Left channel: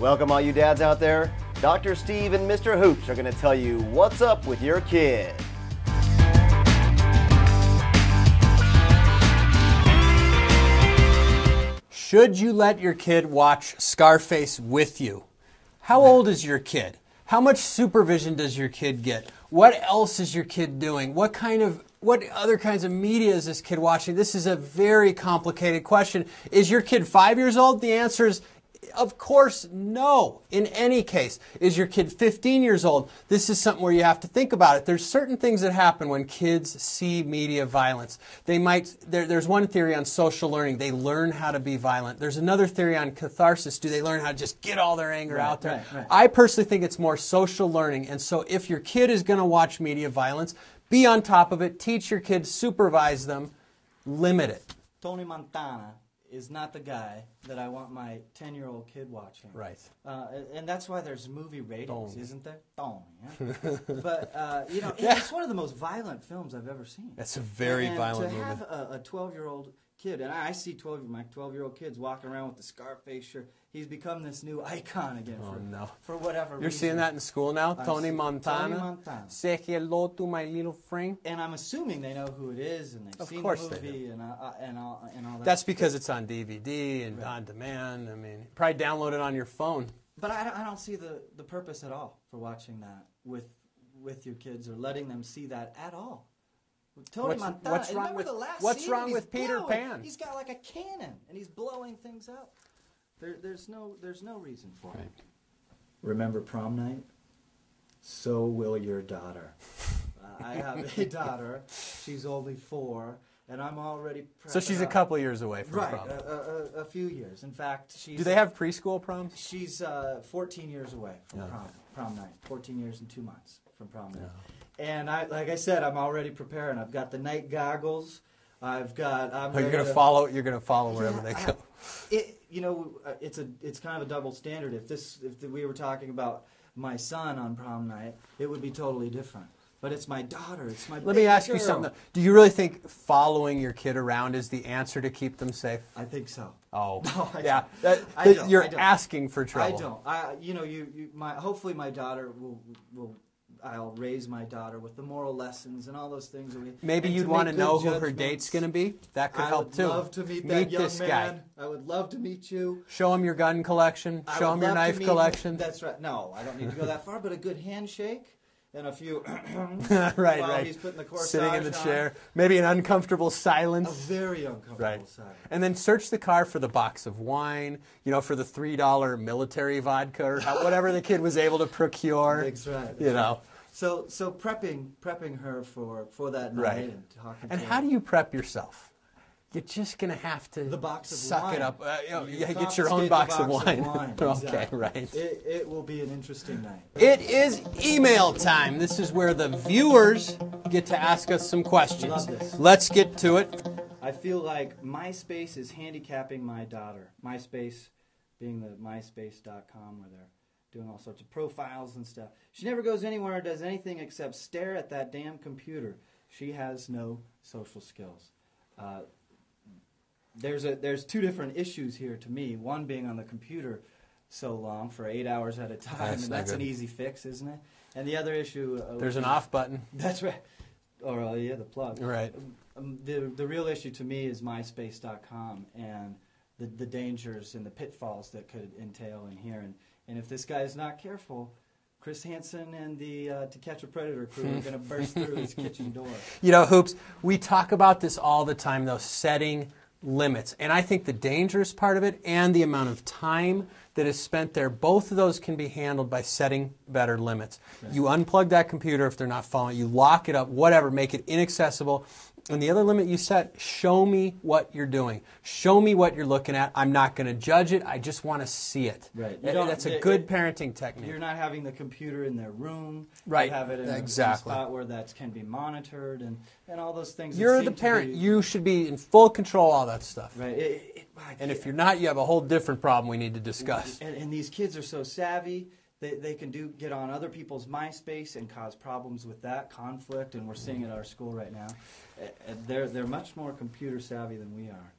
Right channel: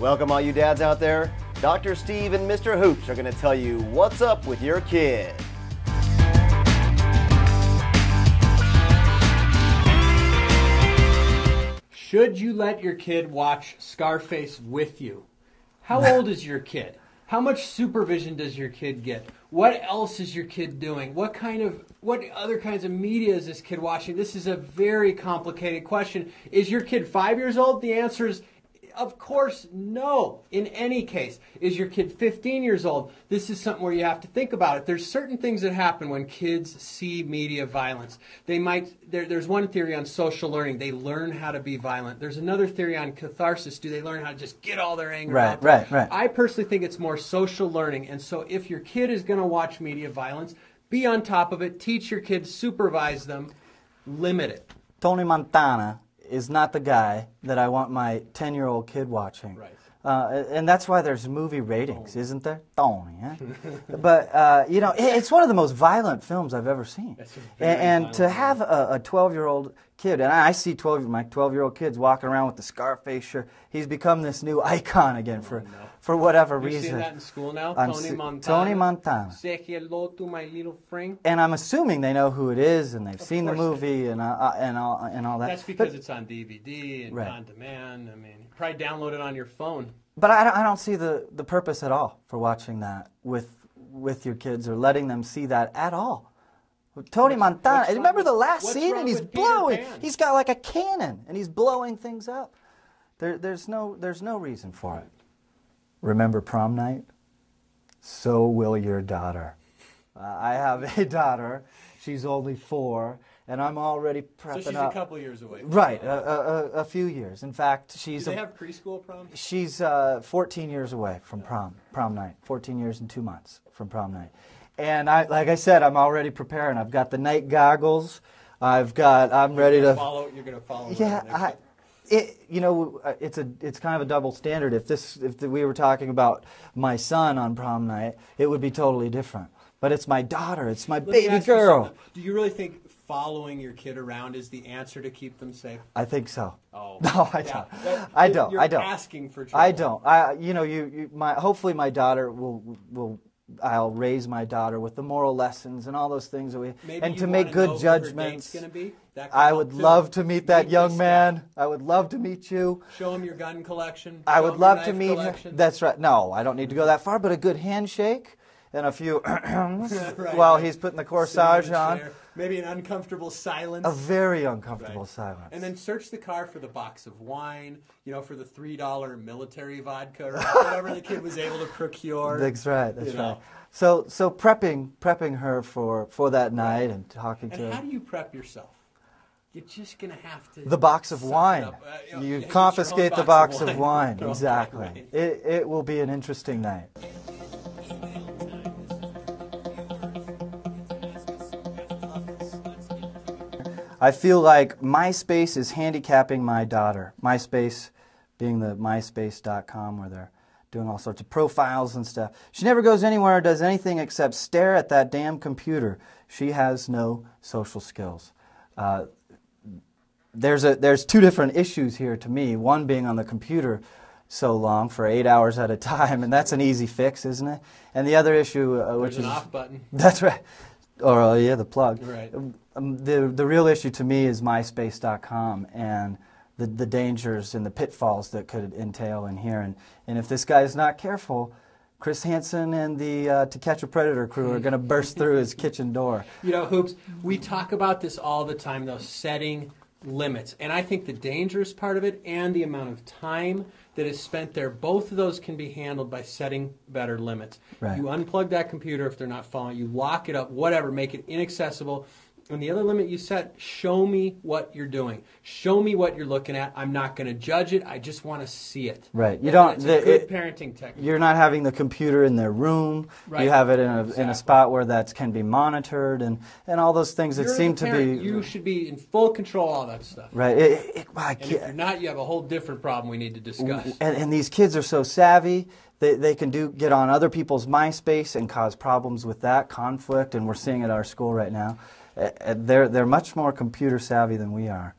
Welcome all you dads out there. Dr. Steve and Mr. Hoops are going to tell you what's up with your kid. Should you let your kid watch Scarface with you? How old is your kid? How much supervision does your kid get? What else is your kid doing? What other kinds of media is this kid watching? This is a very complicated question. Is your kid 5 years old? The answer is, of course, no. In any case, is your kid 15 years old? This is something where you have to think about it. There's certain things that happen when kids see media violence. There's one theory on social learning. They learn how to be violent. There's another theory on catharsis. Do they learn how to just get all their anger out there? Right. I personally think it's more social learning. And so if your kid is going to watch media violence, be on top of it. Teach your kids, supervise them, limit it. Tony Montana is not the guy that I want my 10-year-old kid watching. Right. And that's why there's movie ratings, isn't there? Tony, eh? But, you know, it's one of the most violent films I've ever seen. That's a very And violent to have movie. a 12-year-old kid, and I see my 12-year-old kids walking around with the Scarface shirt. He's become this new icon again for whatever reason. You're seeing that in school now? Tony Montana. Tony Montana. Say hello to my little friend. And I'm assuming they know who it is, and they've seen the movie and all that. That's because it's on DVD and on demand. I mean, probably download it on your phone. But I don't see the purpose at all for watching that with your kids or letting them see that at all. Tony Montana, remember the last scene, and he's blowing. He's got like a cannon, and he's blowing things up. There's no reason for it. Remember prom night? So will your daughter. I have a daughter. She's only 4, and I'm already prepping. So she's a couple years away. From right, prom. a few years. In fact, she's. Do they have preschool proms? She's 14 years away from prom night. 14 years and 2 months from prom night. And like I said, I'm already preparing. I've got the night goggles. I'm ready to follow. You're going to follow wherever they go. It's kind of a double standard. If we were talking about my son on prom night, it would be totally different. But it's my daughter. It's my baby girl. Do you really think following your kid around is the answer to keep them safe? I think so. Oh, no, I don't. I don't. You're asking for trouble. I don't. Hopefully, my daughter will. I'll raise my daughter with the moral lessons and all those things that we maybe and you to want make to know good who her judgments. date's going to be. That could I help would too. love to meet that young man. Guy. I would love to meet you. Show him your gun collection. I would love your knife to meet collection. That's right. No, I don't need to go that far, but a good handshake and a few while he's putting the corsage on. Chair. Maybe an uncomfortable silence. A very uncomfortable silence. And then search the car for the box of wine, for the $3 military vodka or whatever the kid was able to procure. That's right. That's right. So prepping her for that night and talking to her. And how do you prep yourself? You're just going to have to the box of wine. You confiscate the box of wine. Exactly. Okay, right. It will be an interesting night. It is email time. This is where the viewers get to ask us some questions. Let's get to it. I feel like MySpace is handicapping my daughter. MySpace being the myspace.com where they're doing all sorts of profiles and stuff. She never goes anywhere or does anything except stare at that damn computer. She has no social skills. There's 2 different issues here to me. One being on the computer so long for 8 hours at a time, and that's an easy fix, isn't it? And the other issue, there's an off button. That's right. Or the plug. Right. The real issue to me is MySpace.com and the dangers and the pitfalls that could entail in here. And if this guy is not careful, Chris Hansen and the To Catch a Predator crew are going to burst through his kitchen door. Hoops, we talk about this all the time, though, setting limits. And I think the dangerous part of it and the amount of time that is spent there, both of those can be handled by setting better limits. Right. You unplug that computer if they're not following. You lock it up, whatever, make it inaccessible. And the other limit you set, show me what you're doing. Show me what you're looking at. I'm not going to judge it. I just want to see it. Right. It's a good parenting technique. You're not having the computer in their room. Right. You have it in a spot where that can be monitored and all those things that seem to be... You should be in full control of all that stuff. Right. And if you're not, you have a whole different problem we need to discuss. And these kids are so savvy. They can get on other people's MySpace and cause problems with that, conflict, and we're seeing it at our school right now. They're much more computer savvy than we are.